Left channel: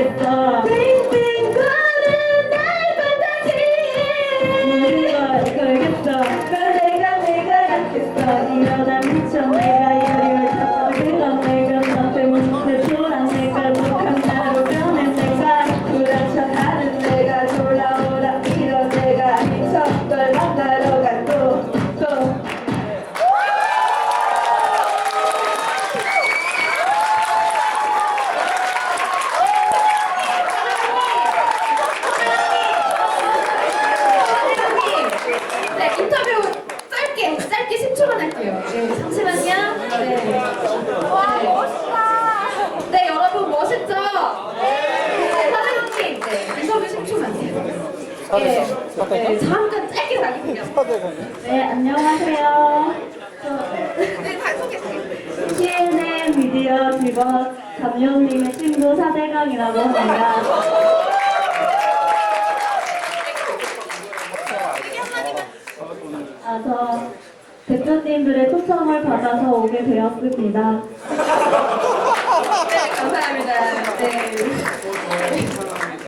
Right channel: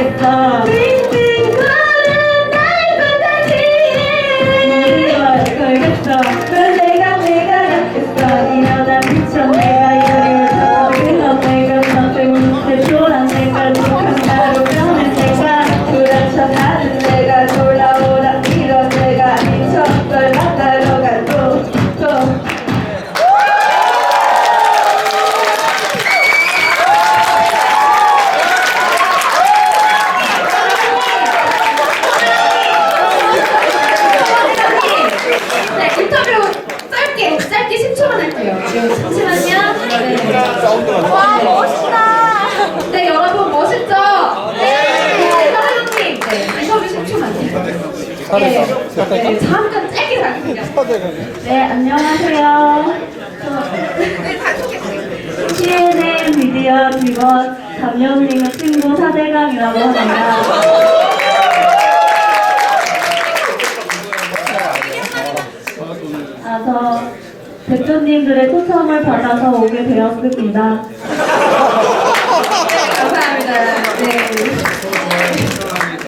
ఇస్తా 네, 잠시만요. 네. 와, 멋있다. 네, 여러분 멋있죠? 네, 사장님, 네, 인터뷰 10초만. 네, 네, 잠깐 짧게 자기소개. 네, 안녕하세요. 네, 다 소개해주세요. CNN 미디어 직원 담영님의 친구 사대강이라고 합니다. 대표님들의 초청을 받아서 오게 되었습니다. 네, 감사합니다. 네.